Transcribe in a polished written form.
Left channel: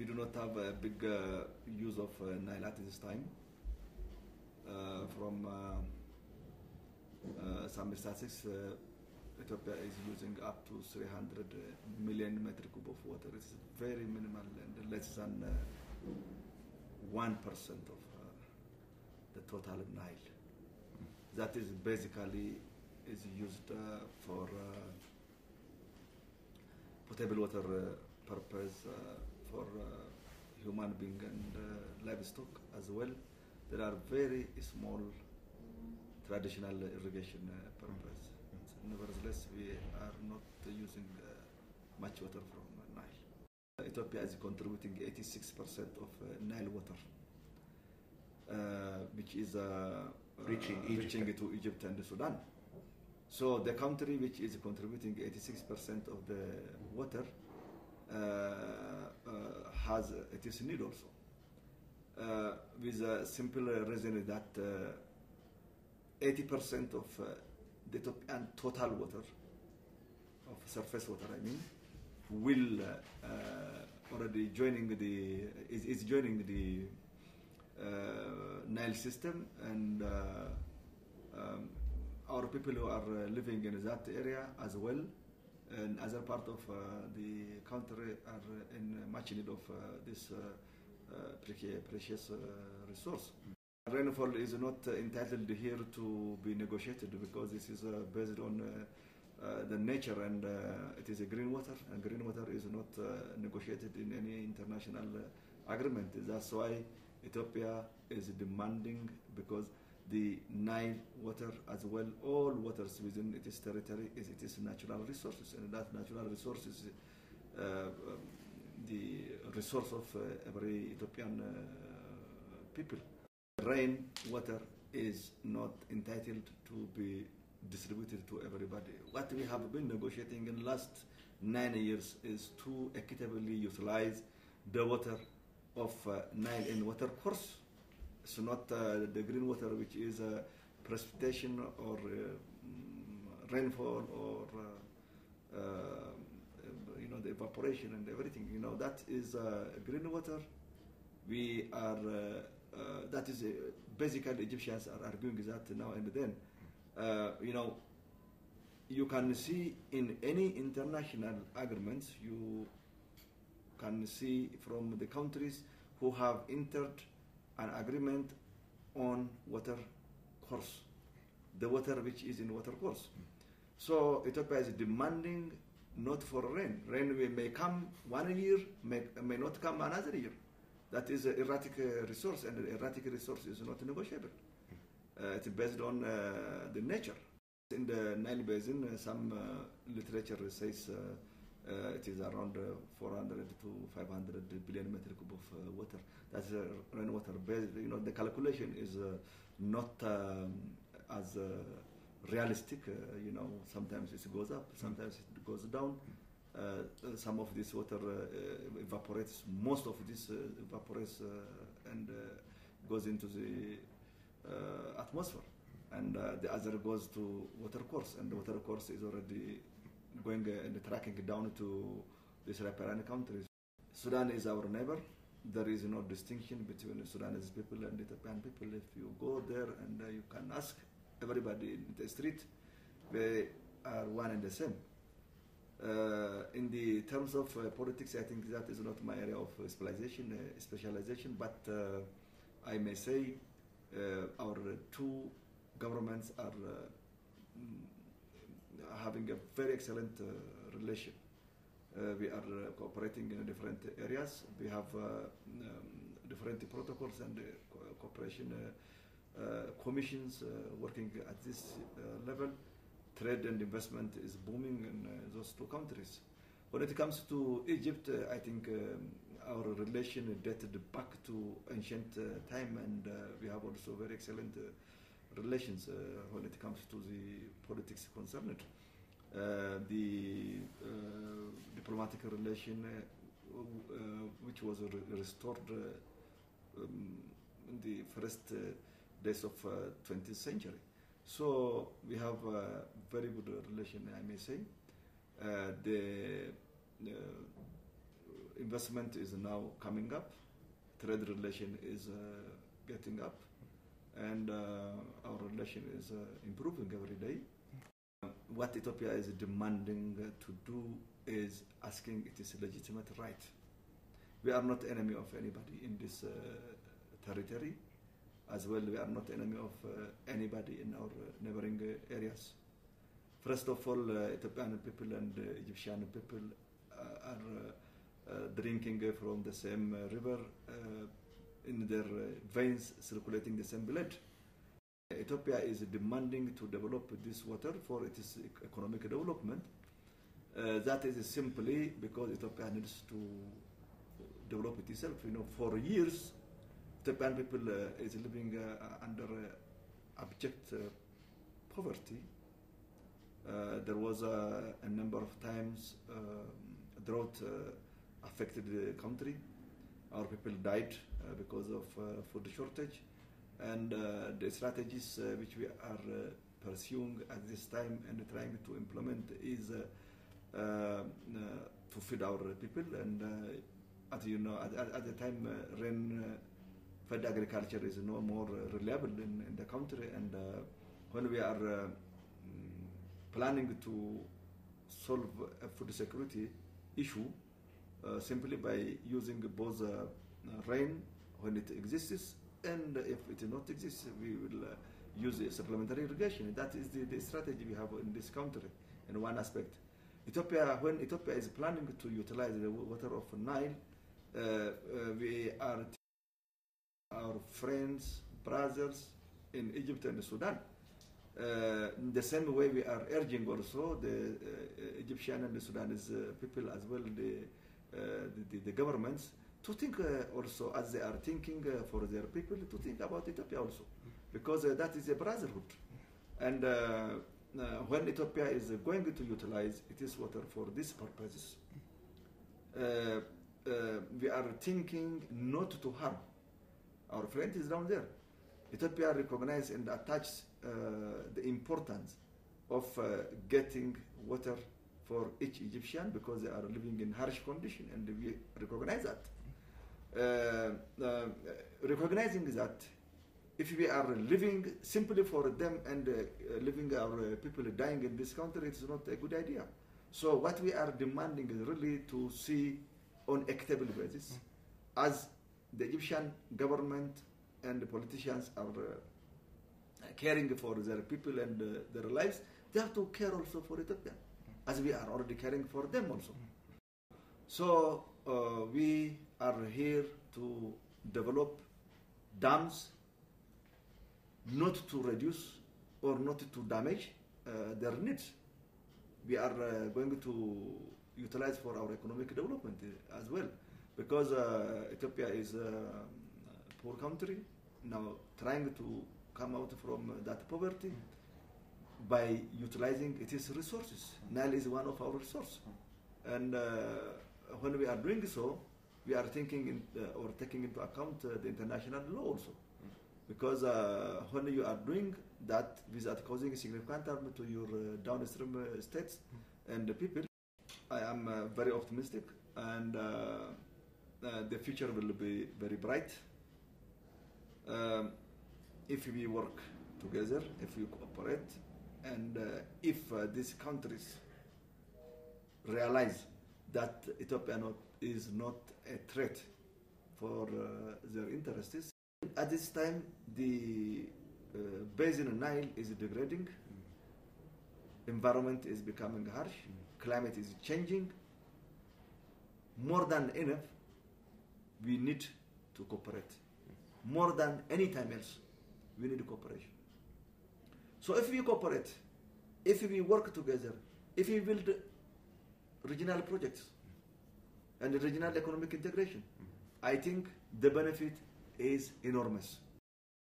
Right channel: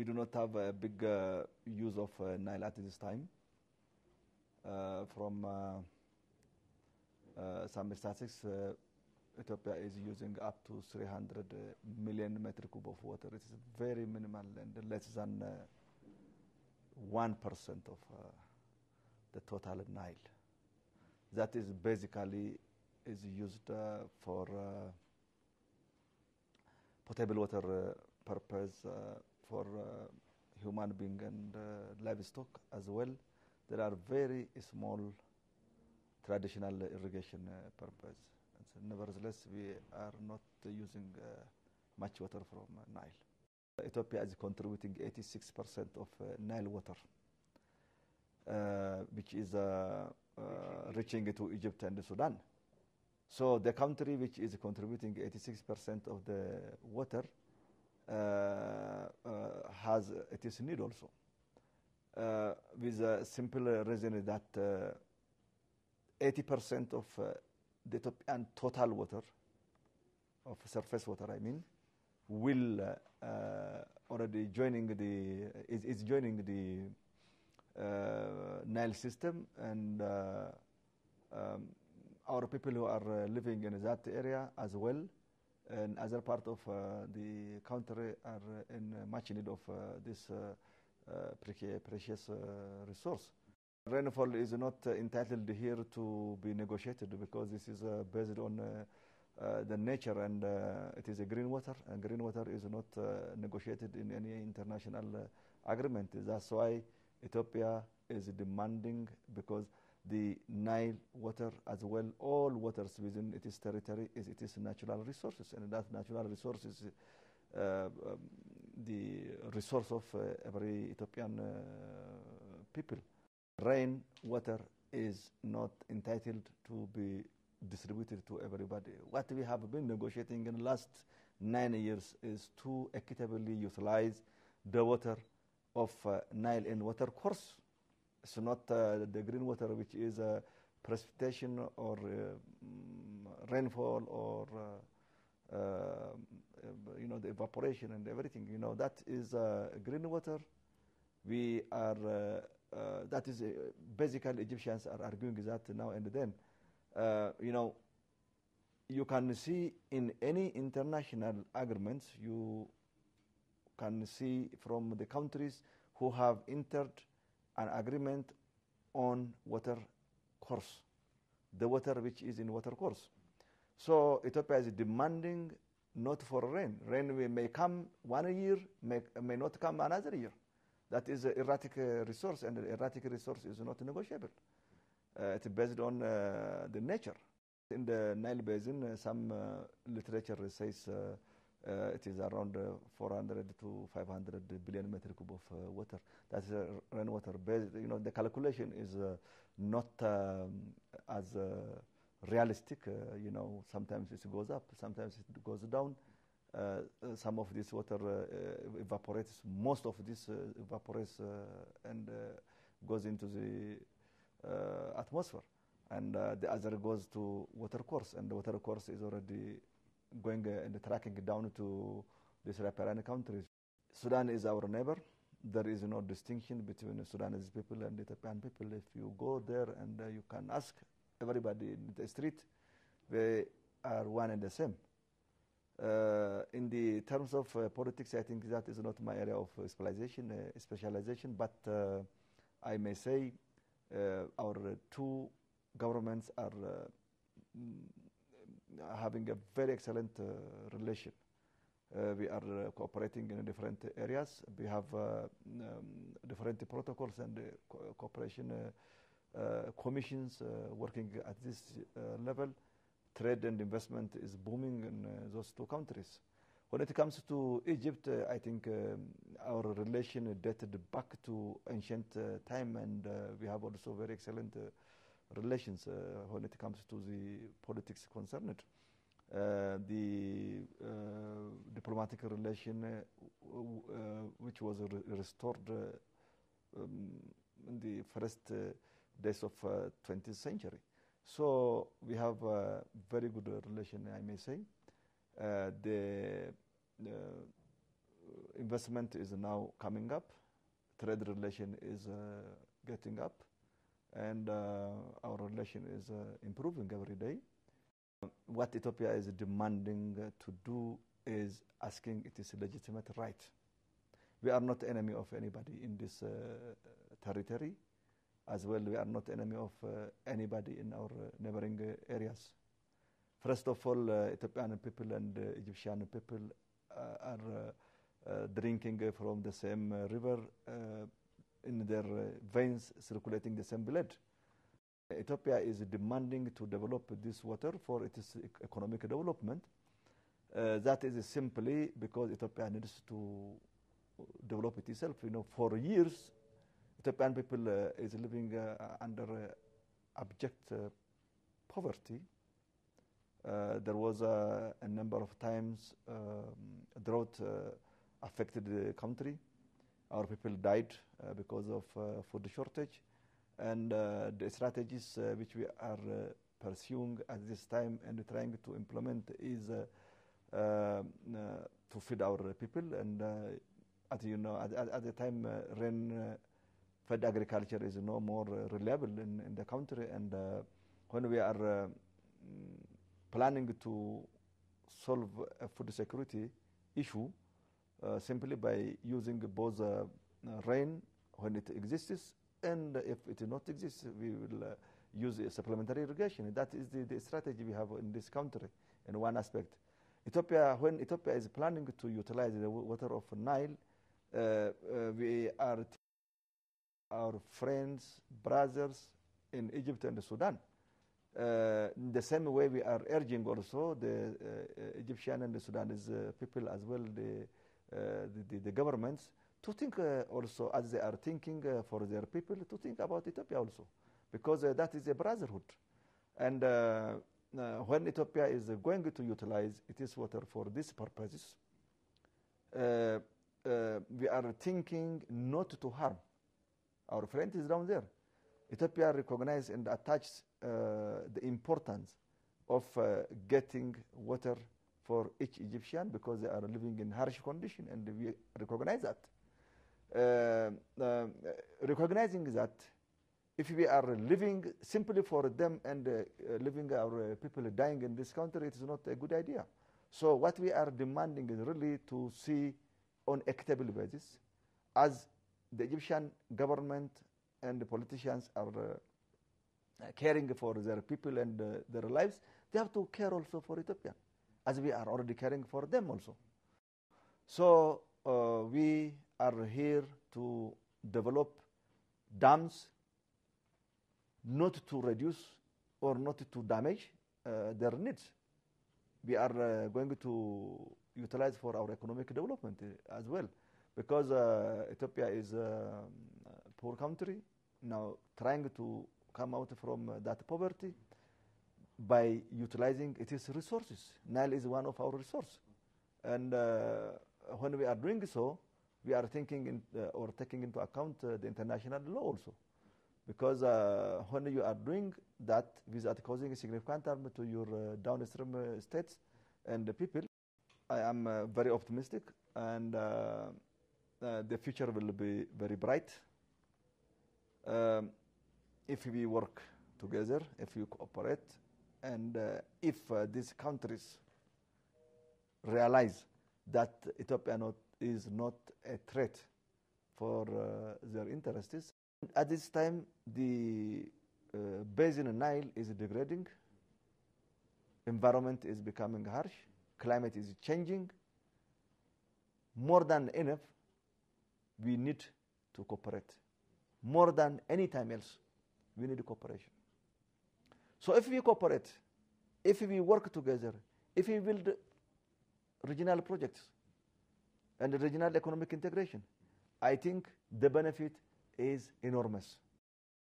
we do not have a big use of Nile at this time. From some statistics, Ethiopia is using up to 300 million metric cube of water. It's very minimal and less than 1% of the total Nile. That is basically is used for potable water purpose for human being and livestock as well. There are very small traditional irrigation purpose. Nevertheless, we are not using much water from Nile. Ethiopia is contributing 86% of Nile water, which is reaching to Egypt and Sudan. So the country which is contributing 86% of the water has its need also. With a simple reason that 80% of the total water, of surface water I mean, will already is joining the Nile system, and our people who are living in that area as well, and other part of the country are in much need of this precious resource. Rainfall is not entitled here to be negotiated because this is based on the nature, and it is a green water, and green water is not negotiated in any international agreement. That's why Ethiopia is demanding, because the Nile water as well, all waters within its territory is its natural resources, and that natural resource is the resource of every Ethiopian people. Rain water is not entitled to be distributed to everybody. What we have been negotiating in the last 9 years is to equitably utilize the water of Nile in water course. It's not the green water, which is precipitation or rainfall or the evaporation and everything. That is green water. We are that is basically Egyptians are arguing that now and then. You can see in any international agreements, you can see from the countries who have entered an agreement on water course, the water which is in water course. So Ethiopia is demanding not for rain. Rain may come 1 year, may not come another year. That is an erratic resource, and the erratic resource is not negotiable. It's based on the nature. In the Nile Basin, some literature says it is around 400 to 500 billion metric cube of water. That's rainwater based. The calculation is not as realistic. Sometimes it goes up, sometimes it goes down. Some of this water evaporates. Most of this evaporates and goes into the atmosphere, and the other goes to water course, and the water course is already going and tracking down to the Sub-Saharan countries. Sudan is our neighbor. There is no distinction between the Sudanese people and the Ethiopian people. If you go there and you can ask everybody in the street, they are one and the same. In the terms of politics, I think that is not my area of specialization, but I may say our two governments are having a very excellent relation. We are cooperating in different areas. We have different protocols and cooperation commissions working at this level. Trade and investment is booming in those two countries. When it comes to Egypt, I think our relation dated back to ancient time, and we have also very excellent relations when it comes to the politics concerned. The diplomatic relation which was restored in the first days of 20th century. So we have a very good relation, I may say. The investment is now coming up, trade relation is getting up, and our relation is improving every day. What Ethiopia is demanding to do is asking it is a legitimate right. We are not enemy of anybody in this territory. As well, we are not enemy of anybody in our neighboring areas. First of all, Ethiopian people and Egyptian people are drinking from the same river, in their veins circulating the same blood. Ethiopia is demanding to develop this water for its economic development. That is simply because Ethiopia needs to develop it itself. For years, Ethiopian people is living under abject poverty. There was a number of times drought affected the country. Our people died because of food shortage, and the strategies which we are pursuing at this time and trying to implement is to feed our people. And at the time, rain-fed agriculture is no more reliable in the country, and when we are planning to solve a food security issue simply by using both rain when it exists, and if it not exists, we will use supplementary irrigation. That is the strategy we have in this country in one aspect. When Ethiopia is planning to utilize the water of Nile, we are our friends, brothers in Egypt and Sudan. In the same way, we are urging also the Egyptian and the Sudanese people as well, the governments, to think also, as they are thinking for their people, to think about Ethiopia also, because that is a brotherhood. And when Ethiopia is going to utilize its water for these purposes, we are thinking not to harm our friend is down there. Ethiopia recognizes and attaches the importance of getting water for each Egyptian, because they are living in harsh condition, and we recognize that. Recognizing that if we are living simply for them and leaving our people dying in this country, it's not a good idea. So what we are demanding is really to see on equitable basis, as the Egyptian government and the politicians are caring for their people and their lives, they have to care also for Ethiopia, as we are already caring for them also. So we are here to develop dams, not to reduce or not to damage their needs. We are going to utilize for our economic development as well, because Ethiopia is a poor country now, trying to come out from that poverty by utilizing its resources. Nile is one of our resources, and when we are doing so, we are thinking or taking into account the international law also, because when you are doing that without causing significant harm to your downstream states and the people, I am very optimistic, and the future will be very bright if we work together, if we cooperate, and if these countries realize that Ethiopia is not a threat for their interests. At this time, the basin in Nile is degrading, environment is becoming harsh, climate is changing. More than enough, we need to cooperate. More than any time else, we need cooperation. So if we cooperate, if we work together, if we build regional projects and regional economic integration, I think the benefit is enormous.